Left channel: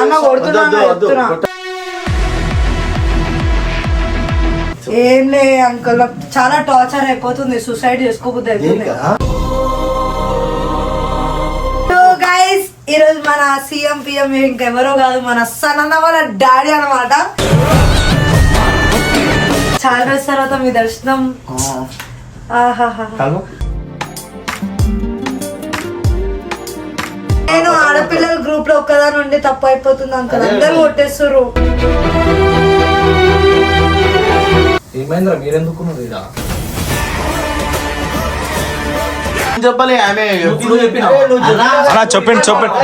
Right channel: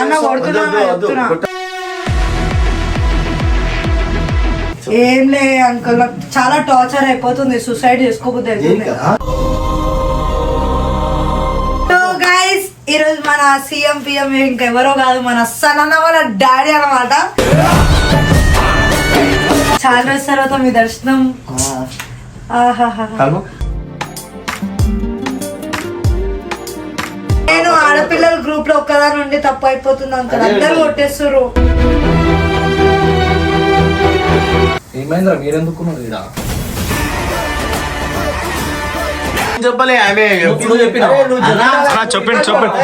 అన్న కొడుతున్నా ఏం లే అంకుల్, చాలా టార్చర్ అయిపోతుంది, సూసైడ్ చేసుకోబోద్దు అవుతుంది. సో గైస్, ఈరోజు మన సీఎం పిఎం ఇంకెవరో కాదు, మన సనన్న వాళ్ళ డాడీ అన్నమాట. చాలా రోజుల తర్వాత మీ దర్శనం. నేను ఆడపిల్లల గ్రూప్ లో ఒక్కదాని నుండి తప్పు అయిపోతుంది అంకుల్, అందరూ కొట్టేస్తారు. ఏమైందిరా మీరెందుకు చెప్పలే ఆమె చెప్పిన చెప్పండి.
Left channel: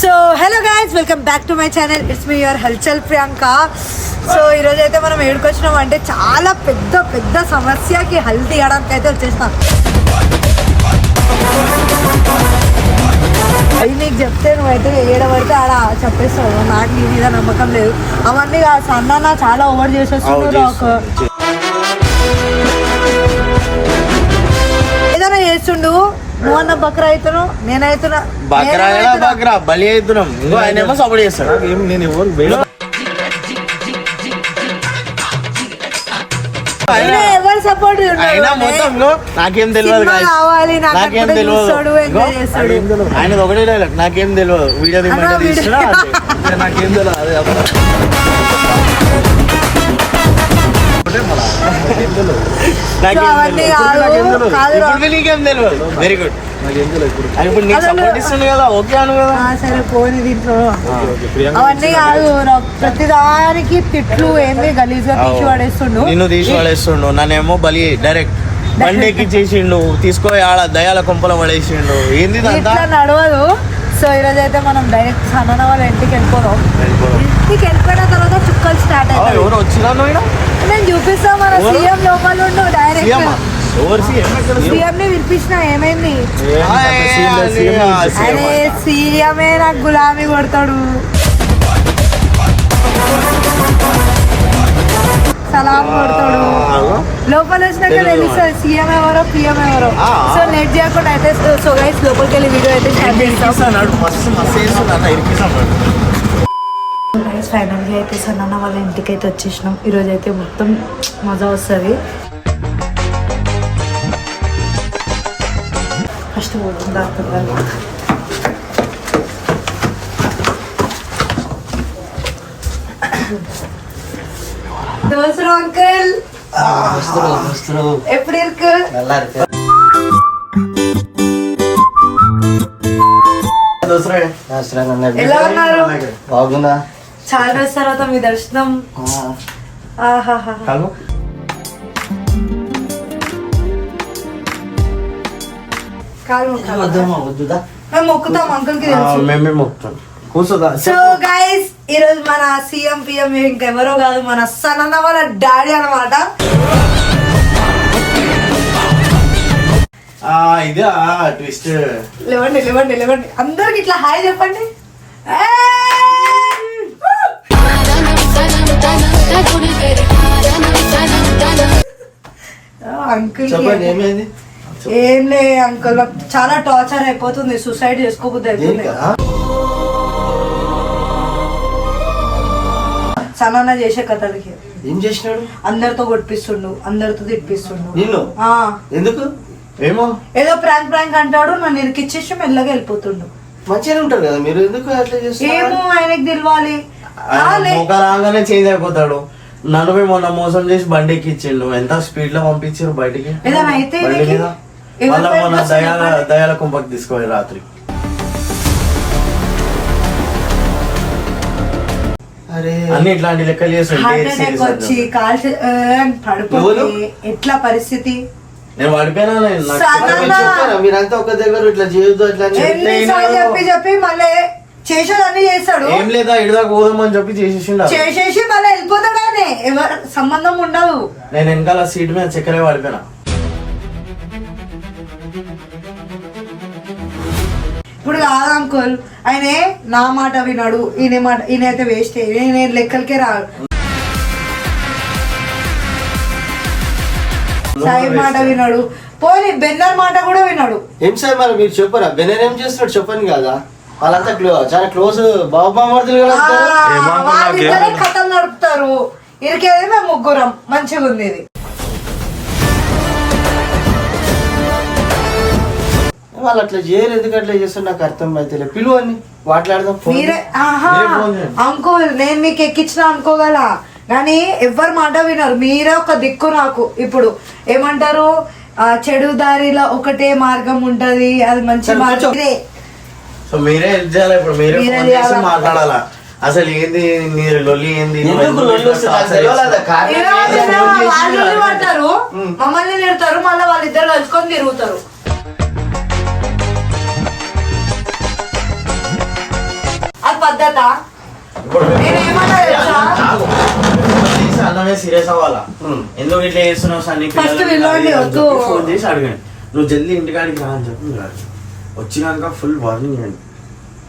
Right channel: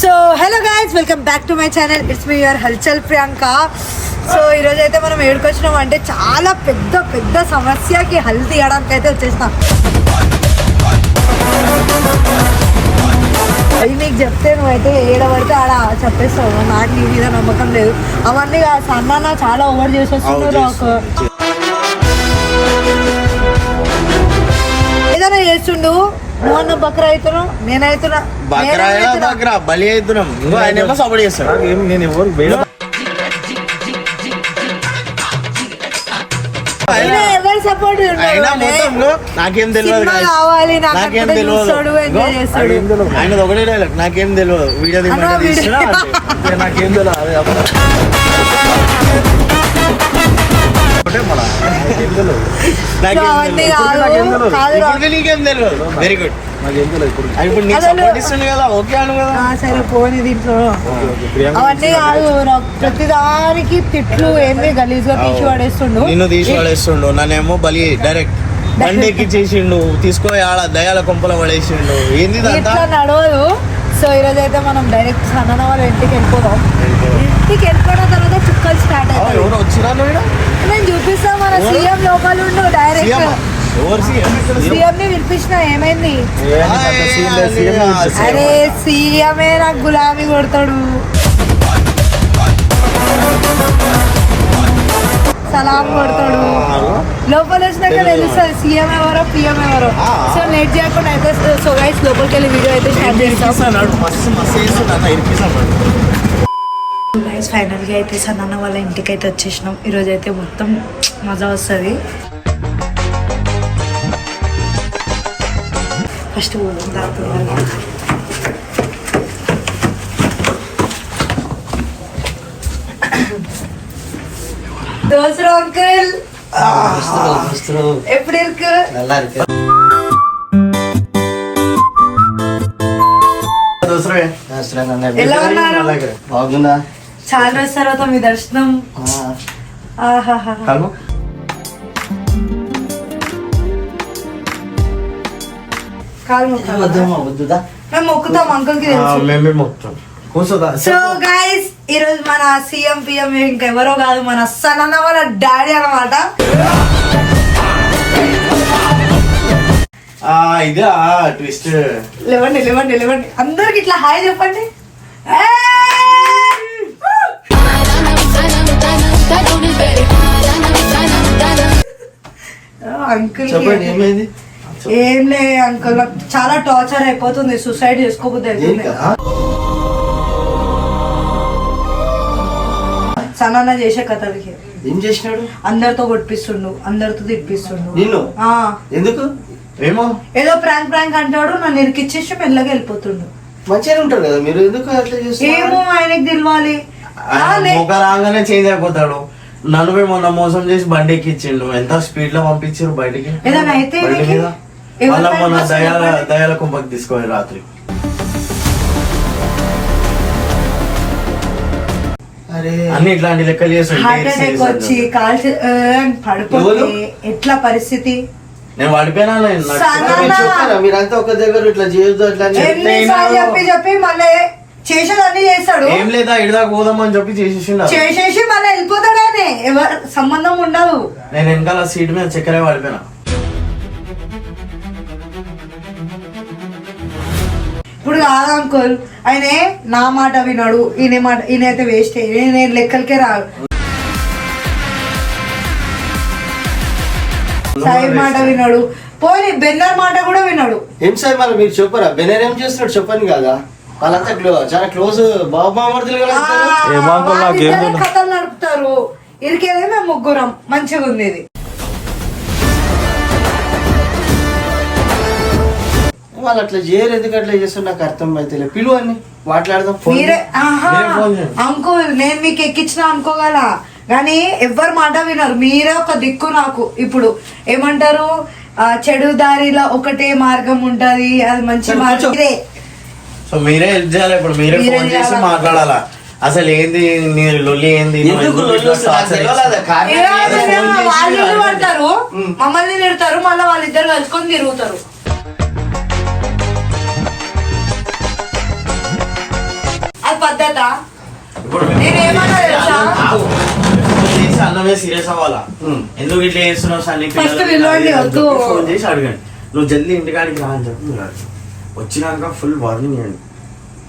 So hello guys, welcome back to my channel. It's me your హల్చల్ ప్రియాంక. సో ఈరోజు అయితే మనం ఏడుకొచ్చినాం అంటే చాలా పెద్ద సమస్యకి హల్ తీయడానికి అయితే వచ్చేసినాం. అది నీకు చెప్తే నువ్వైతే ఏడబడితే ఆడ చెప్పేస్తావు, నాకు నీ మీద నమ్మకం లేదు. అవన్నీ సన్న చాలా ఓవర్ చేసేస్తున్నాడు. ఏదైనా చేస్తుండు, నువ్వు అన్న బక్రా అవుతున్నావు, నేనైతున్నా బలి అవుతున్నాం. సపోర్ట్ చేస్తాడు. నేను ఎవరు సపోర్ట్ నాకేం తెలియదు, నాకేం తెలియదు. ఆయన ఒకటే డైలాగ్, నాకేం తెలియదు. వీడియో నాకేం తెలియదు. Very good. సరే పోనీ దీంట్లో అవన్నీ కాదు, ప్రతిదానికి తిట్లు ఏమి గలీజ్గా తీసి పడేస్తుండు. నిన్ను తీసి పడేస్తుండు, నన్నేమో బలి డైరెక్ట్ బండెక్కి చేసిండు, తీసుకో ఆడ దయాల కొంపల పడేసిండు. ఏంది ఇట్లా నడవదు. సో ఈరోజు అయితే మనం డైరెక్ట్ సన్న వాళ్ళ ఇంటికి వెళ్ళిపోదాం. ఇంటికి వెళ్ళిపోయిన తర్వాత చుక్కలు స్టార్ట్ అవుతాయి. ఎవరు వచ్చినా నేను చూపిస్తా, మన సీఎం లోపల ఉండు. డైరెక్ట్ సీఎం ని పిలిపించిన, ఏమైంది? అరే సీఎమే నాకు గులాబీ కొడతాడు, సలాం కొడతాడు. లోపల వచ్చినాక తెలుస్తుంది సీఎం ఎవరో పిఎం ఎవరో. సో లేట్ చేయకుండా అయితే సో గైస్ లోపలికి వెళ్ళి వీడియో అయితే స్టార్ట్ చేస్తాం. గైస్ ఫైనల్గా అయితే సన్న వాళ్ళ ఇంటికి అయితే వచ్చేసినాం. ఈరోజు అయితే మొత్తం మజా వస్తుంది. ఫస్ట్ దోసరు అంకుల్ எப்படி இருக்கு? நல்லா இருக்கு. ఎలా ఉన్నారు? బాగుందా? చాలా రోజుల తర్వాత మీ దర్శనం. మేము మొక్కుతాం అంకుల్ కి తెలుసు. సో గైస్, ఈరోజు మన సీఎం పిఎం ఇంకెవరో కాదు, మన సనన్న వాళ్ళ డాడీ అన్నమాట. లేవండి అందరికి ఇట్లా హాయ్ చెప్పండి. అంకుల్ ఏం లే అంకుల్, చాలా టార్చర్ అయిపోతుంది, సూసైడ్ చేసుకోబోద్దు అవుతుంది. సన్న చేసే కథలకి ఏం చేసినాడు? అందరితో కొట్టిస్తుండు, అందరితో తిప్పిస్తుండు. ఎందుకు? ఏమో ఏదో ప్రాంక్ అంటాడు, నన్ను ఇరికిచ్చేసి మెల్లగా వెళ్ళిపోతుండు. మంచిగా ఉంటాడు కదా, మీరు ఎందుకు ఏమో ఆయనకి తెలియాలి. రాగానే చేంజ్ అయిపోతాడు. నన్ను మొన్న మోసం చేసి బండి ఎక్కిచ్చిండు, ఎంత స్పీడ్ లో పంపించారు బయటికి. ఏదైనా అయితే మళ్ళా మొన్న దయాల కుంపకి తీసుకోవాలి రాత్రి. అన్ని ఇట్లాంటి లెక్కలు వచ్చి పడిపోతే ఎట్లా పరిస్థితి? నేను పడిపోయినా, మీరంతా ఒక దగ్గర ఇట్లా చేయొద్దు అట్లా చెప్పి మళ్ళీ చేసేదన్నీ చేస్తాడు. ఏం లేదా ఇడిదాకా పోదామని చెప్పి చేసేసి మళ్ళీ వెళ్ళిపోతాడు. ఆయన ఎవరు సంబంధం ఉండదు. నేను వెనకాల సీట్ మీద చక్కెరే పడిపోయినా. ఇప్పుడు కాదు అంకుల్, ఆయన నా మాట వినాడు, ఈయనైతే వేస్ట్, నేను లెక్కలకే రాడు. సాయి మాట విన్నాడు, పోనీ బెన్నర్ మాట కూడా విన్నాడు. ఏం సార్ మరి మీరు చెప్పరా బెనర్ ఏం చేస్తున్నాడు చెప్పని కదా, వాళ్ళంతా చాలా క్లోజ్ బాబుమర్దులు వాళ్ళిద్దరే కథలు నడుపుతారు, ఇరికేదే మేము ముగ్గురం. మంచిగా ఉంది ఇది. వాళ్ళు అట్లా చేయరు, ఎందుకు అట్లా చేస్తారు నాకు అర్థం అయితే. పిలువ అని మాట్లాడదాం. మీరే అంకుల్ నేను మీకు ఎక్కించిన అనుకోగల, కానీ ఎవ్వరు మాట వినరు. మీరే ఒక దిక్కు నాకు. ఇప్పుడు ఏమంటారు, చెడు దారిలో ఒకటే మార్గం ఉంటది, అది మంచి మార్గం. సో మీరే హెల్ప్ చేయాలి. ఇప్పుడు మీరే ఫోన్ చేసి మాట్లాడాలా, అసలు ఏంది మీరు లొల్లి ఏంది, వాళ్ళు పడతారు, మమ్మల్ని తిడతారు, మళ్ళీ వాళ్ళిద్దరు కలుసుకొని తిరుగుతారు. అది పద్ధత. నేనేమన్నా తెలుసా, అన్నమే సీరియస్ అవ్వాలా, ఎందుకు ఇట్లా చేస్తున్నావు సన్ని ఫస్ట్ పిలవండి, వద్దు. ఫోన్ చేసి అడగండి, నువ్వు జల్దీ ఇంటికాడికి రా అని చెప్పి వచ్చినాక ఫుల్ వార్నింగ్ అండి.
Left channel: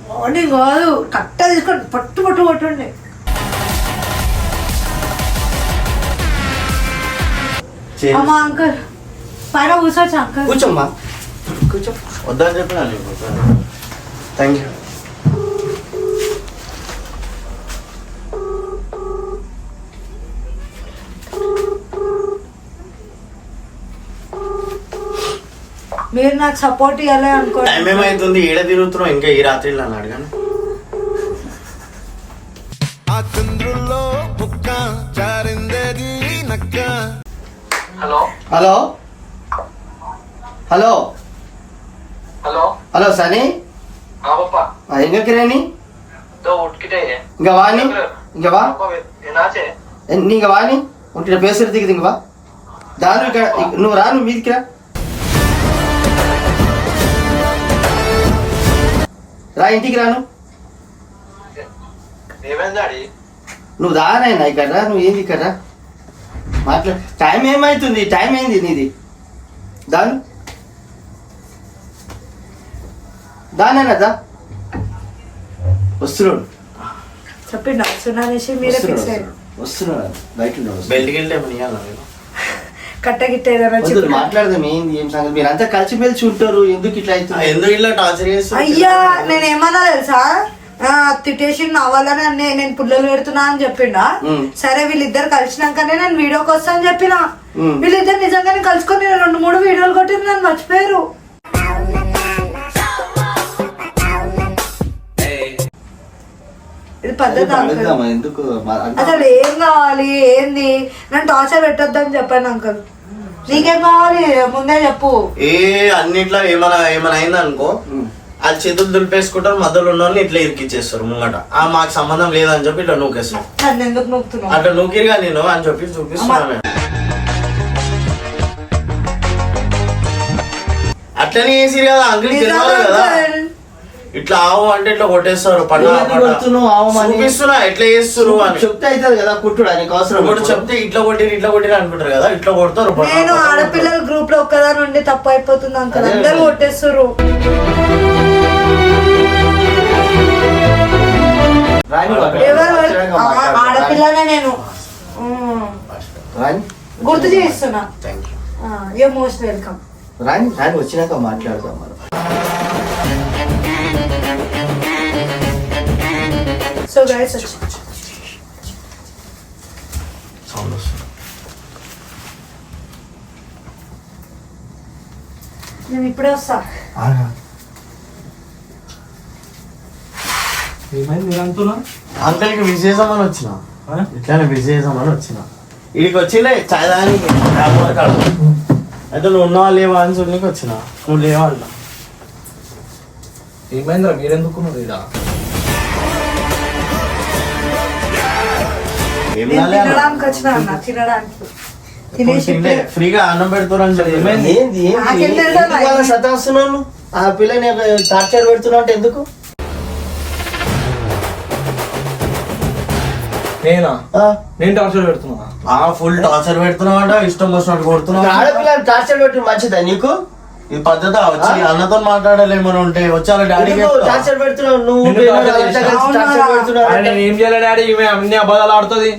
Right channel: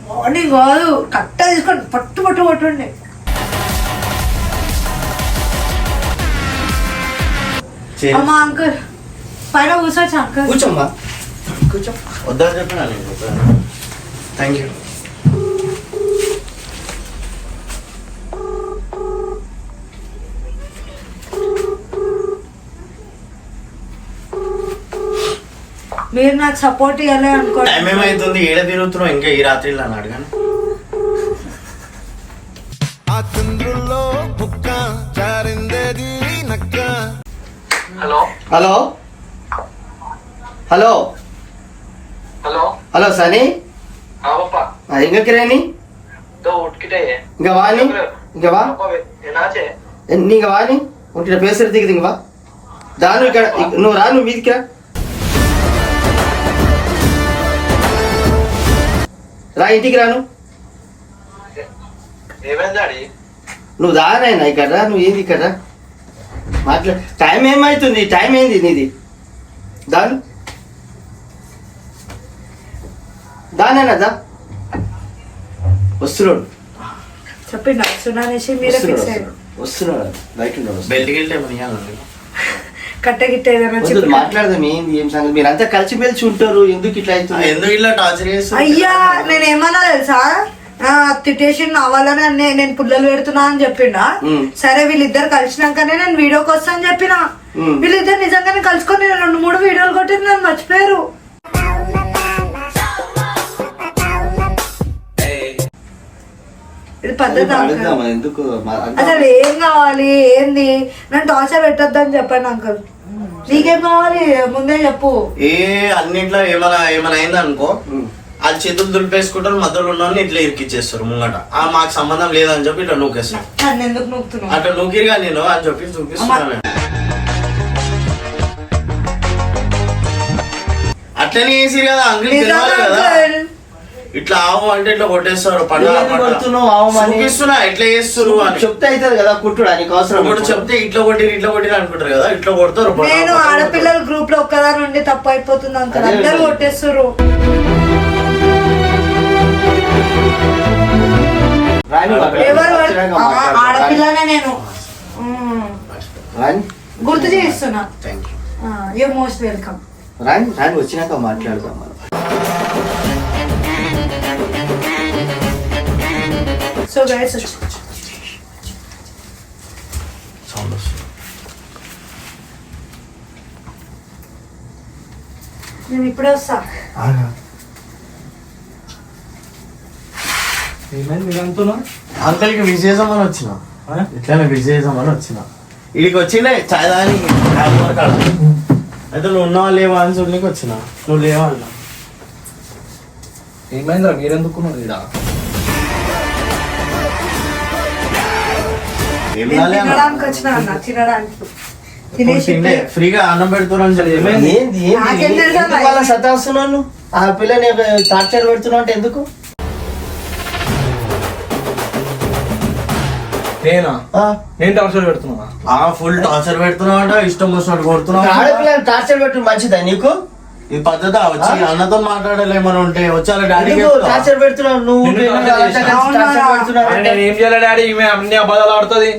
వార్నింగ్ కాదు, కట్ట తీసుకోండి, పట్టుండి. అమ్మా అంకుల్ పైన కూర్చోచ్చు అంకుల్. కూర్చోమ్మా కూర్చో. వద్దని చెప్పినా థ్యాంక్ యూ. మీరు నాకు సపోర్ట్ ఇవ్వాలి అనుకోండి. టైం ఏమైతుంది, ఏడ తిరుగుతున్నావు ఇంకా ఈ రాత్రి అని అడగాను. ఆ చంద్రుల్లో బుక్క చారిందేది నక్క. Hello hello hello hello hello సని எங்க நீ இங்க வா நீ இங்க வா நீங்க வா நீ உன்கிட்ட பேசுறதுக்கு இங்க வா దాను ఇక్కడ నువ్వు రా నువ్వు మీదికి రా ఇంటికి రాను నువ్వు దానైనా ఇక్కడ రా నువ్వు ఏంది ఇక్కడ మాట్లా టైం ఏమైతుంది టైం ఏంది నీది దాను దానైనా దా వస్తున్నాడు చెప్పిండు వస్తున్నానేసి మీరే ఫిక్స్ అయ్యారు. వస్తున్నాడు బయట ఉన్నాడు బయటికి వెళ్తే కట్టగిట్ట ఏదైనా మాట్లాడదాం ఏంది ఏం సంగతి మీరు అంతా కలిసి మెలిసి ఉంటారు ఎందుకు ఇట్లా అవుతుంది ఎందుకు ఇట్లా టార్చర్ చేస్తారు అయ్యా నేను ఏమన్నా తెలుసా తిట్టేసి అవ్వాలని నేను పుల్లలు పెడుతున్నా అని చెప్పిండా. సరే వీళ్ళిద్దరు కలిసినాకనే నేను వీడియోకి వస్తా అని చెప్పిన. వీళ్ళిద్దరు నిజంగానే కలుసుకొని నేను 2-3 వీడియోలు కొట్టిన నన్ను మర్చిపోయారు. ఇది పద్ధతి ఎందుకు అసలు ఏం కావాలి ఏంది నన్ను టార్చర్ పెట్టొద్దు అని చెప్పండి అంకుల్. నీకేం కావాలి ముందే చెప్పు. అన్నిట్లో ఏమైనా అయింది అనుకో ఆ చేతులు దులిపేసుకుంటారు, మధ్యలో ఉన్న వాళ్ళని ఇట్లా ఇరికిచ్చేస్తారు ముంగట. మాకు సంబంధం లేదని చెప్పి ఇట్లా నూకేస్తారు. నన్ను ఎందుకు నూకుతున్నావు అట్లా నూకిరిగా నేను అని చెప్పి చూపిస్తున్నాను. అట్లనే వేసిరు కదా అంగిల్ కదా, ఇట్లా ఆవు అంటే ఇట్లా కొట్టేస్తారు. చూపిస్తున్నా ఎట్లా చేస్తారు అని చెప్తే అవుతుంది కదా కుట్టుడు నీకు అవసరం కూడా చెప్తే ఇట్లా కొట్టిరు అనుకుంటారు కదా, ఇట్లా కొడతారు. నేను ఆడపిల్లల గ్రూప్ లో ఒక్కదాని ఉండి తప్పు అయిపోతుంది అంకుల్, అందరు కొట్టేస్తారు. ఎవరు ఆడపిల్లనే నేను గుర్తు చేస్తున్నా. You most welcome. రాని రాని వచ్చినాక మాట్లాడదాం మనం. సో గైస్ నేను ఇప్పుడే వస్తా. అంకల్ కి విష్ చేద్దామని వచ్చిన, ఇట్లానే విష్ చేద్దామని వచ్చిన. ఇడికి వచ్చిండే చాయ్ తాగడానికి అయితే నువ్వు ఉన్నావా లేవా అని చూడడానికి వచ్చిన. నువ్వు లేవా అంట. ఏమైందిరా మీరెందుకున్నారు ఇక్కడ? తినడానికి వచ్చిన అన్న, తినడానికి ఫ్రీగా అన్నం పెడుతున్నాను సతాస్తున్నాను. ఆ పిల్లని టార్చర్ పెడుతున్నా అంటే ఎందుకు? నేను టార్చర్ పెడుతున్నా? ఫుల్ టార్చర్ పెడుతున్నావు అంట, ఇష్టం వచ్చినట్టు కొడుతున్నావు. ఆడపిల్లని టార్చర్ పెట్టు మంచిదా నీకు? ఈ పద్ధతి వచ్చి అన్నతో మాట్లాడాలేమని ఉంటే వచ్చాను డాడీ టార్చర్ పెడుతున్నావు నువ్వు. ఏం చేయాలి డాడీ, ఈమె అన్ని అబద్ధాలు ఆడుతుంది.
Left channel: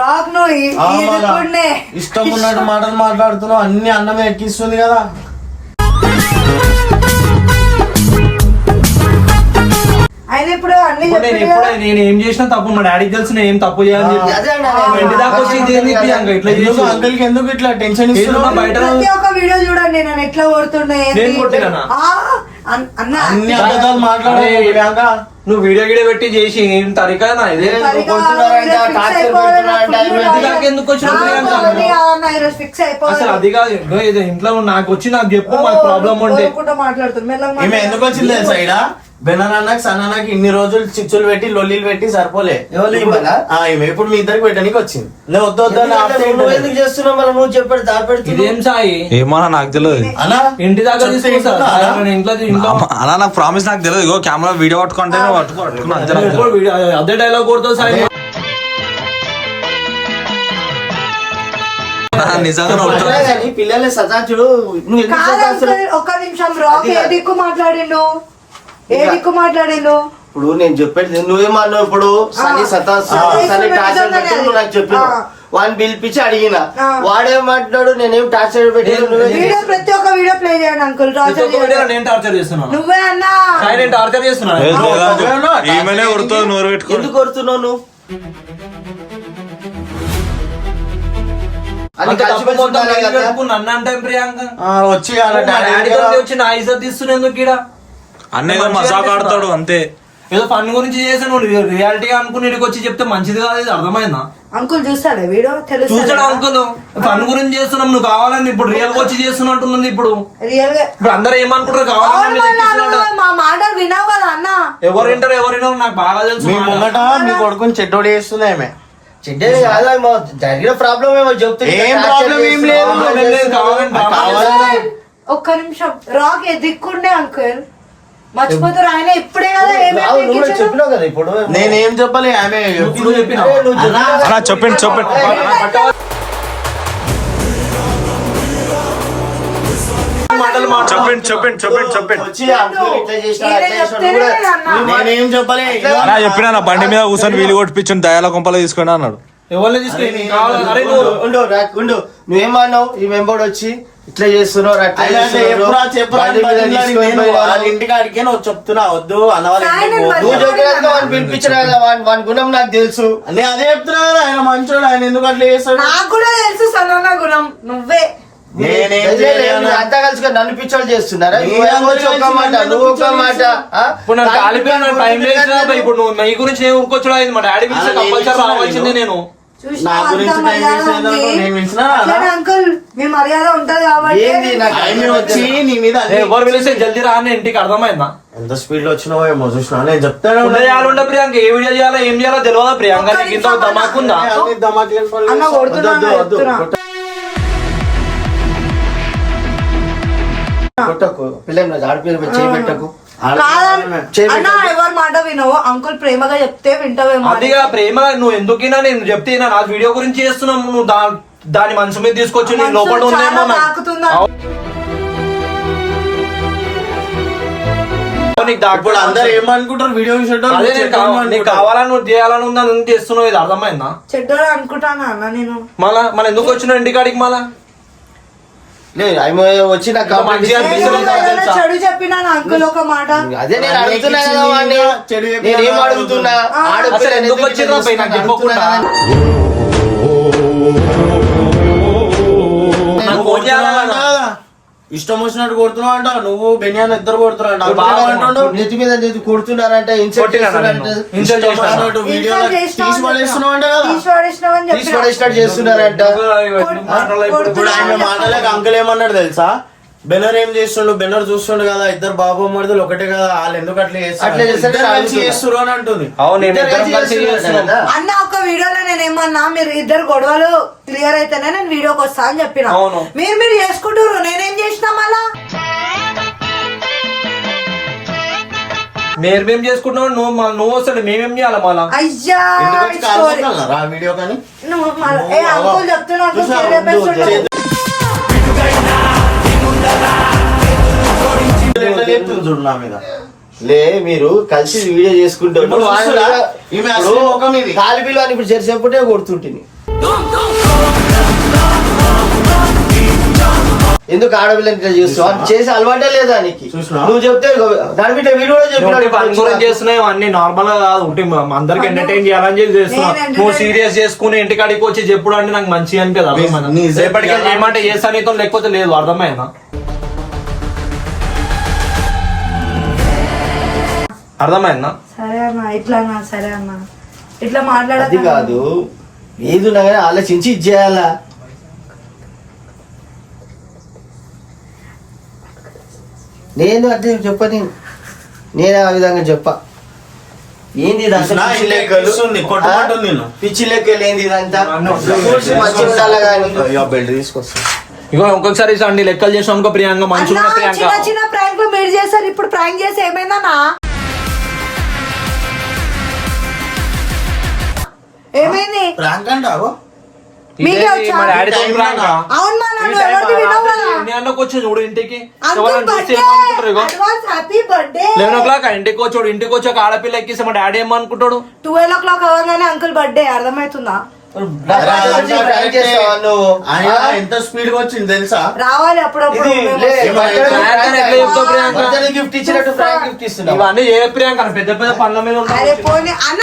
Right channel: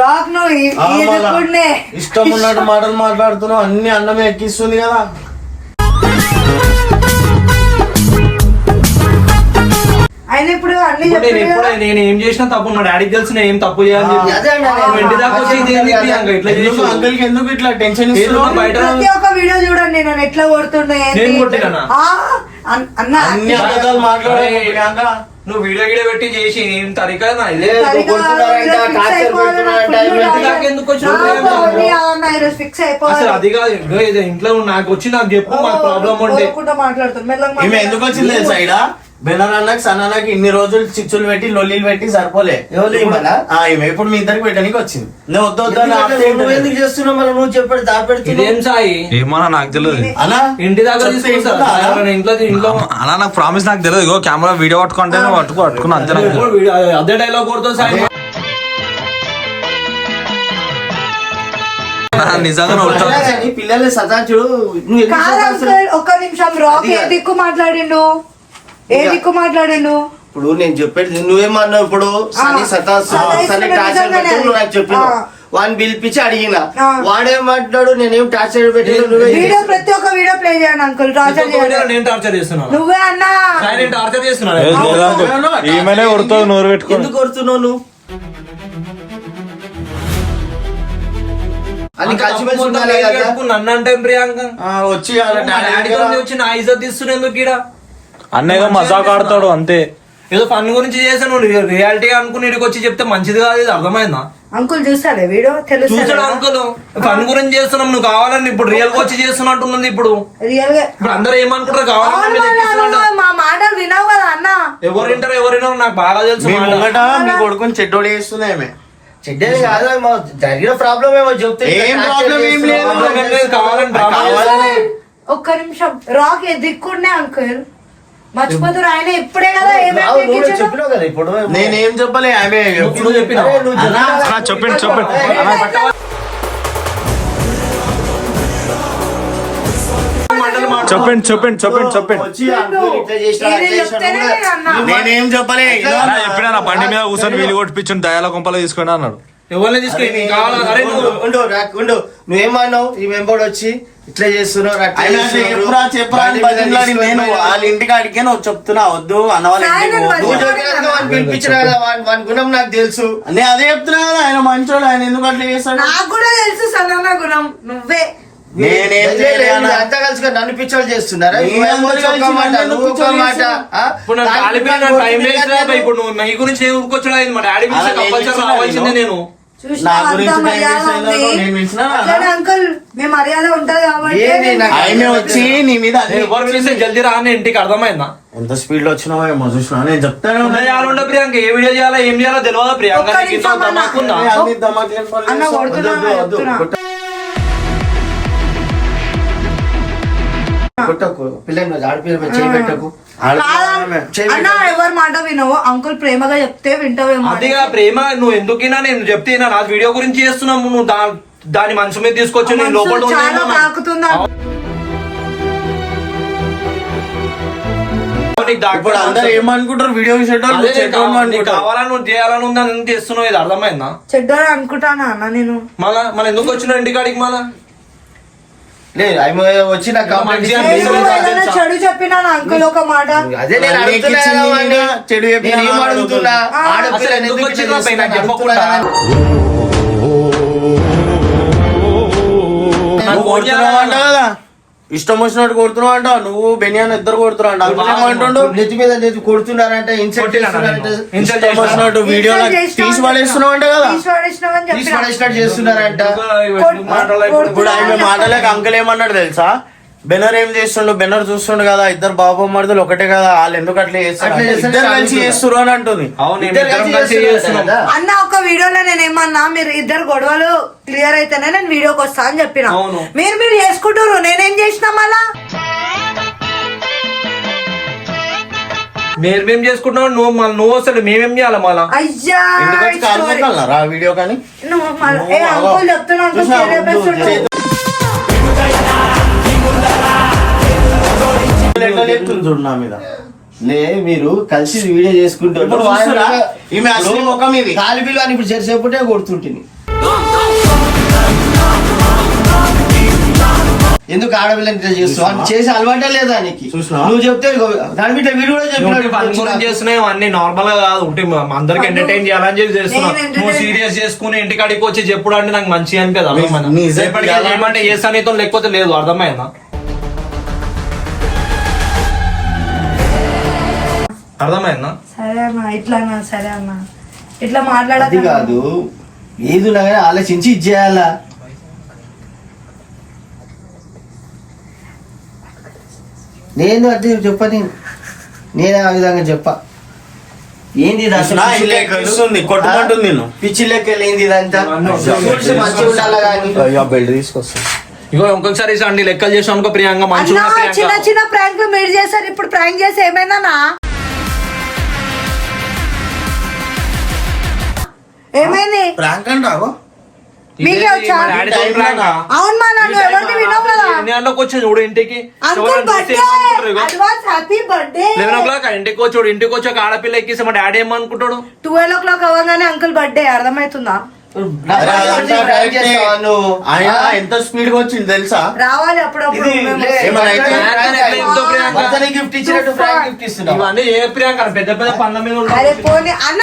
రాక్ నువ్వు ఇది కూడానే. ఇష్టం ఉన్నట్టు మాటలు మాట్లాడుతున్నావు, అన్ని అన్నమే ఎక్కిస్తుంది కదా. ఆయన ఇప్పుడు అన్ని ఇప్పుడు నేను చెప్పాడు ఎప్పుడు నేను ఏం చేసినా తప్పు మా డాడీకి తెలిసి నేను ఏం తప్పు చేయాలని చెప్పి అదే అన్న, నేను ఇంటి దాకా వచ్చి ఇది ఏంది ప్రియాంక ఇట్లా ఎందుకు చేసి అంకుల్ కి ఎందుకు ఇట్లా టెన్షన్ ఏదో ఇస్తున్నావు? బయట ప్రతి ఒక్క వీడియో చూడండి నేను ఎట్లా కొడుతుండే ఏంటి? నేను కొట్టినానా? అన్న అన్ని అబద్ధాలు మాట్లాడు అరే, ప్రియాంక. నువ్వు వీడియో గీడియో పెట్టి చేసి ఏం తరికా నా ఇది ఎందుకు వచ్చినావు ప్రియాంక? ఫిక్స్ అసలు అది కాదు ఇదిగో ఇది ఇంట్లో నాకు వచ్చి నాకు చెప్పు మాకు ప్రాబ్లం ఉంటే మాట్లాడుతుంది మెల్లగా ఈమె ఎందుకు వచ్చింది తెలుసా ఈడ? బెనర్ అన్నకి సన్నకి ఇన్ని రోజులు చిచ్చులు పెట్టి లొల్లీలు పెట్టి సరిపోలే. ఎవరు ఇవ్వాలా? ఈమె ఇప్పుడు మీ ఇద్దరికి పెట్టడానికి వచ్చింది. నువ్వు వద్దు వద్దు అని ఆపితే నువ్వు ఎందుకు చేస్తున్నావు మళ్ళీ? నువ్వు చెప్పాడు దాపెడుతున్నావు. ఇదేం సాయి ఏమో నాకు తెలియదు అలా ఇంటి దాకా తీసుకొస్తా ఇంట్లో అలా నాకు ప్రామిస్ నాకు తెలియదు. ఇగో కెమెరా వీడియో పట్టుకుంటే పట్టుకున్నా అంతే నాకు తెలియదు. ఎప్పుడు అదే డైలాగ్ కొడుతావు సాయి నిజంగా నువ్వు వచ్చావు. కానీ పిల్లల్ని సతాచుడు నువ్వు ఎందుకు కాదు సతాస్తున్నావు? అంకుల్, ఒక్క నిమిషం రాక్ ఏ దిక్కు మాట్లాడిండు ఇప్పుడు నేను చెప్పేది నువ్వేమన్నావు? ఇప్పుడు సని సని టార్చర్ పెట్టి నువ్వు నాకు చెప్పినావు. వాడిని పిలిపించి అడిగిన, వాడేమంటున్నాడు నేనేం టార్చర్ పెట్టాను నువ్వే వీడియో ప్రతి ఒక్క వీడియో ప్లే చేయండి అంకుల్. టార్చర్ చేయండి. నేను టార్చర్ చేస్తున్నాను నువ్వే అన్నా సాయి నేను టార్చర్ చేస్తున్నాను ఈమెనే కొడుతుంది నోరు పెట్టుకో. ఎందుకు కొడుతున్నావు నువ్వు? అది కలిసి మెలిసి ఉండాలి కదా. నన్ను అంటే ప్రియాంక వచ్చి వాళ్ళ డాడీ డాడీతో వచ్చి నా ఇజ్జత్ తీస్తున్నా ఎందుకు ఈడ అన్నేదో మజాక్ ఆడతాడు అంతే. ఏదో ఫన్ గురించి చేశాను రియాలిటీ అనుకుని ఇక్కడికి వచ్చి చెప్తే మంచిది కాదు. ఇది అర్థమైందా? అంకుల్ చూస్తాడే వీడియో చూసాడు తెలుసు అంకుల్ ఫన్ గురించి చేస్తున్నాం నువ్వు కావాలని ఇప్పుడు రియల్ గా వచ్చి చేస్తున్నట్టున్నది. ఇప్పుడు రియల్ గా ఇప్పుడు అందరూ ఏమనుకుంటారు కావాలని మీరు ఎక్కిస్తున్నట్టు. మా మాటలు వినావు కదా అన్న. ఎవరు వింటారు ఎవరు వినరు నాకు బాగా తెలుసు మీ మాట. ముంగట మీ కొడుకుని చెట్టోడి చేస్తుంది ఆమె. చెడ్డేది కాదు, మా జరిగిన ప్రాబ్లం ఏమో చెప్తే ఏం ప్రాబ్లం ఏం లేదు. కావాలని డ్రామా కావాలనే ఒక్క నిమిషం రాక్ ఏ దిక్కుండే అంకుల్ మర్చిపోతారు. ఆయన ఇప్పుడే కదా ఏమేమి నువ్వు ఎక్కించాడు? చెప్పినావు కదా ఇప్పుడు. నేనేం చెప్పలే ఆమె. నువ్వు చెప్పినావు. అన్నా, అలా చెప్పండి చెప్పండి. చెప్పండి చెప్పండి చెప్పండి చెప్పండి. వచ్చి అంకుల్ ఇట్లా చేసినా, నేనే అట్లా చేసినా చెప్తేనే కూడా నేను అన్నా. నేనేం చెప్పలే. నా చెప్పినా నా బండి మీద కూర్చొని వీలు కొట్టిపించండి దయాల కొంపలో తీసుకొని అన్నాడు. ఎవరిని తీసుకెళ్ళి కావాలా అరే నువ్వు ఉండు ఉండు నువ్వేమన్నావు? ఈ మెంబర్ వచ్చి ఇట్లా చేస్తున్నావు అట్లా ఆయన అంటే చేస్తున్నావు. చెప్పురా బండి మీద బతిమలాడి తీసుకొని నేను పోయినా. వాళ్ళ ఇంటికి అడిగే నువ్వు చెప్తున్నా వద్దు అన్న వాళ్ళ ఇంటికి ఆయన పోకు. నువ్వు చెప్పినట్టుగా వాడిని పిలిపించిన కదా, వాని గుణం నాకు తెలుసు. నేను అదే చెప్తున్నా కదా, ఆయన మంచోడు, ఆయన ఎందుకు అట్లా చేస్తాడు? నాకు కూడా తెలుసు సన్న గుణం నువ్వే. నేనేం చేయలే అన్న. అంతా కలిసి నన్ను పిచ్చోళ్ళు చేస్తున్నారా? నేను నువ్వేమో అందరూ ఒక మాట, కలిసి నువ్వు ఒక నన్ను మాట. పిచ్చోళ్ళు ఆ? ఇప్పుడు నాకు కాలిపోయిన టైం వేస్ట్ రా భయ్. ఇప్పుడు నువ్వు నీ గురించి నేను ఊరుకొచ్చుడు అయింది. మా డాడీ పిలిచి అలా కంపల్సరీ నేను రావాల్సిందే నేను. చూసినా నా గురించి అంత టైం మర్యాద వేస్ట్ ఉంది. అయిందనుకో, నేను పిలిచినా అట్లనే అంకుల్ మీ మర్యాద ఉంటది కాబట్టి ఏంది నాకు ఆయన వచ్చి నీ మీద అదే ఎవరు పిలిస్తే జల్దీ రా అని ఇంటికి అర్థమైందా? ఎంత స్పీడ్ లో వచ్చినావో ఏమో చూసినా నేను చెప్తాను. చేయాలంటే ప్రియాంక ఏ వీడియో చేయాలా ఏం చేయాలో తెలియదా ప్రియాంక? ఒక్క నీకు ఇంత నిమిషం అన్న. దమాకుందా? అన్ని దమాకులు పనులు అన్న చేస్తావు. కొడుతున్నాను వద్దు, వద్దు, చెప్తున్నా. కొట్టకు పిల్లలు ఆడపిల్ల చేయబెట్టకు. ఆమె. అన్న ఎవరి మాట వినవు అంకుల్ ప్రేమగా చెప్తే వింటావేమో అని. అదిగా ప్రేమ నువ్వు ఎందుకినా నేను చెప్తేనా నా వీడియో గురించి చేస్తున్నావు నువ్వు దాని మనసు మీద తీసుకొచ్చి నేను లోపల మనసు చాలా ఉన్నాను. తాకుతుంది అన్న. నీకు దాకా ఇప్పుడు అందరు ఏమనుకుంటారు వీడియో అదే చూసేటోళ్ళు నీకు నీకు కావాలని నువ్వు చేయాలని ఉందా నువ్వు చేస్తున్నావు. ఇది అర్థమైందా? చెడ్డోడు అనుకుంటానా అన్న నేను. మళ్ళా ఎందుకు వచ్చిన ఇంటికాడికి మళ్ళా లేదు ఆమె వచ్చి నాకు కంప్లైంట్ మంచిగా ఇస్తే ఏదో నేను నాకు తెలుసా? చెడు చెప్పినాను అంకుల్ ఒక మాట. అదే నేను అడుగుతున్నా కదా వాడిని. చెడు చెప్పినా నేను ఏం అడుగుతున్నా? ఆ, ఆడపిల్ల అసలు ఎందుకు వచ్చిందో పై నాకు చెప్పకుండా? నాకు కొడుతున్నావు అంట కదా, ఇష్టం వచ్చినట్టు కొడుతున్నావు అంట. నువ్వు బెనియాన్ ఇద్దరు కొడుతున్నావు అంట. నెత్తి మీద నెత్తి కొడుతున్నారంటే ఇన్సల్ట్ చేస్తున్నారంటే ఇన్సల్ట్ ఇష్టం వచ్చినట్టు వీడియో తీసి పడేస్తున్నావు అంట కదా. తీసి పడేసినావని తీసి చెప్పినా. పడేసినట్టు చేస్తున్నారంట. ఇప్పుడు ఆయన మాటలేక అంకుల్ ఏమన్నాడు తెలుసా? బెనర్ ఏం చేస్తుండు, బెనర్ చూస్తుండు కదా, ఇద్దరు బాబు మరుదులు ఒకటే కదా, వాళ్ళు ఎందుకు అట్లా చేస్తారు, అట్లా చేస్తే ఇద్దరు కలిసి అడుగుతున్నా. చేస్తురు అని అంటుంది. అవును నేను ఇద్దరం కలిసి చేస్తున్నాం. అన్న ఒక వీడియోలో నేను ఏమన్నా మీరు ఇద్దరు గొడవలు క్లియర్ అయితేనే నేను వీడియోకి వస్తా అని చెప్పిన. అవును. మీరు చేసుకుంటారు నేనేం చేసినా మళ్ళా. మేమేం చేసుకుంటున్నావు నువ్వు వస్తాడు మేమేం చేయాలి మళ్ళా? అయ్యా ఇంటికి వచ్చి story. కానుకుంటున్నారా ఆ వీడియో కానీ? నువ్వు మళ్ళా ఏ అంకుల్ చెప్తున్నా అంకుల్ చూసావా? చేయలేపేస్తుంటావు. ఎట్లా లేపుతుంది చూడు నా మీద. లే మీరు కలిసి వీడియో చేసుకుంటారు. ఇప్పుడు చూస్తున్నా? ఈమె అసలు ముఖం ఇది. తాలిబిల్లు అని ఇప్పుడు జరిసేపుటే కొడుతుంటుంది. ఎందుకు ఆడపిల్లని ఇట్లా చేస్తావు అది చేసే అలవాటే లేదా నీకు చూసినా? నువ్వు చెప్తే దాని మీద వీడు కూడా ఫంక్షన్ చేస్తున్నాయి అన్ని నార్మల్ గా కాదు ఉంటే అందరికి ఎంటర్టైన్ చేయాలని చెప్పి చేస్తున్నావు. నేను నువ్వు entertain సీరియస్ చేసుకుని ఇంటికాడికి వచ్చి చెప్పుడు అంటే నాకు మంచిగా అనిపించదు. మీ ఇజ్జత్ ఎలా- ఏమంటే చేస్తా నీతో లేకపోతే లేదు, అర్థమైందా? అర్థమైందా? సరే అన్న ఇట్లా అన్న, సరే అన్న ఇట్లా అది మాట్లాడదు కాదు ఏది ఉన్నా కానీ ఆలోచించి ఇది చేయాలా. నేను అది చెప్పని నేను ఆ విధంగా చెప్పా. ఏంది ఇదంతా చూసినా? పిచ్చి ఇలా లెక్కలు? కలుస్తుంది, కొట్టుకుంటుంది నేను. పిచ్చి లెక్కలు ఏంది ఇదంతా? చూసి మంచిగా ఉండాలి కానీ అయ్యో బెల్ట్ తీసుకొస్తా. ఇగో ఇంకొకసారి అన్ని లెక్కలు చేసావు అనుకో ప్రియాంక మంచిగా ఉన్న చిన్న ప్రియాంక. చిన్న ప్రాంక్లు మీరు చేశారు, ఇప్పుడు ప్రాంక్ చేసి ఏమైందన్నా? ఏమైంది? ప్రాంక్ అంటావో మీకే వచ్చా? అవును మా నన్ను ఎవరిది వినవు కదా. నేను వచ్చి చూడు ఇంటికి ఎవరైనా చూస్తే ఏమనుకుంటారు? ఇగో హ్యాపీ బర్త్డే 11 o'clock ఇంటికి వచ్చాడు, ఇంటికి వచ్చి ఒక ఆడపిల్ల ఎక్కిస్తే మా డాడీ ఏమనుకుంటాడు? 12 o'clock అవ్వగానే అంకుల్ బర్త్డే, అర్థమవుతుందా? ప్రాంక్ చేస్తావా నువ్వు? ఆయన ఎంత స్పీడ్ గా వచ్చింది తెలుసా? రావాలి అప్పుడప్పుడు ఇది మేము లే, వస్తాం. భర్తని గిఫ్ట్ ఇచ్చినట్టు ప్రాంక్ గిఫ్ట్ ఇస్తున్నావు. ఇవన్నీ ఏ ప్రియాంక పెద్ద పెద్ద పనుల మీద అరే ఉంటాయి. పోనీ అన్న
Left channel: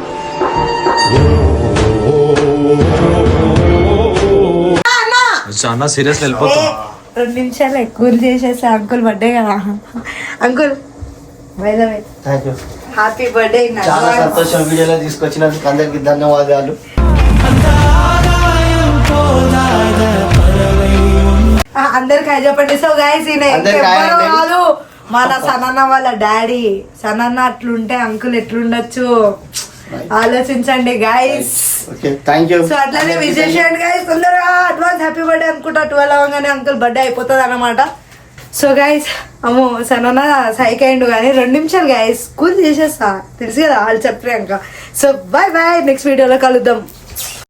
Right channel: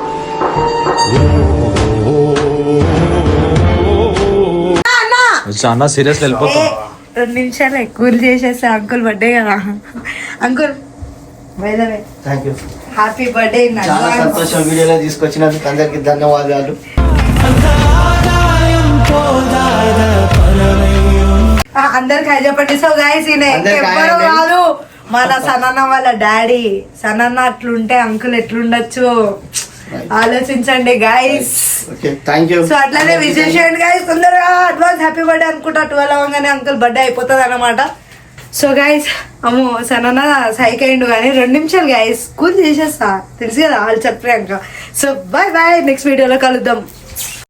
అన్న సీరియస్ ఏ, వెళ్ళిపోతాం. 2 నిమిషాలు ఎక్కువ చేసేసా అంకుల్ బర్త్డే కదా. Uncle thank you. Happy birthday చాలా సంతోషం వీడియోలో తీసుకొచ్చినందుకు అందరికి ధన్యవాదాలు. అందరికి హై చెప్పండి. సో గైస్ ఈయన అందరికి hi ఎవ్వరు అండి. కాదు, మన సనన్న వాళ్ళ డాడీ. సనన్న అట్లుంటే అంకుల్ ఎట్లుండొచ్చు ఆలోచించండి guys. Okay thank you. So అట్లానే విజయ్ గైస్ తొందరగా అడ్వాన్స్ హ్యాపీ బర్త్డే అనుకుంటా. 12 అవ్వగానే అంకుల్ బర్త్డే అయిపోతుంది అన్నమాట. సో గైస్ అమ్మో సనన్న సైక్ అయిండు కానీ 2 నిమిషాలు గైస్ స్కూల్ చేసేస్తా, తెలుసు కదా వాళ్ళు చెప్పాక. సో బాయ్ బాయ్, నెక్స్ట్ వీడియోలో కలుద్దాం.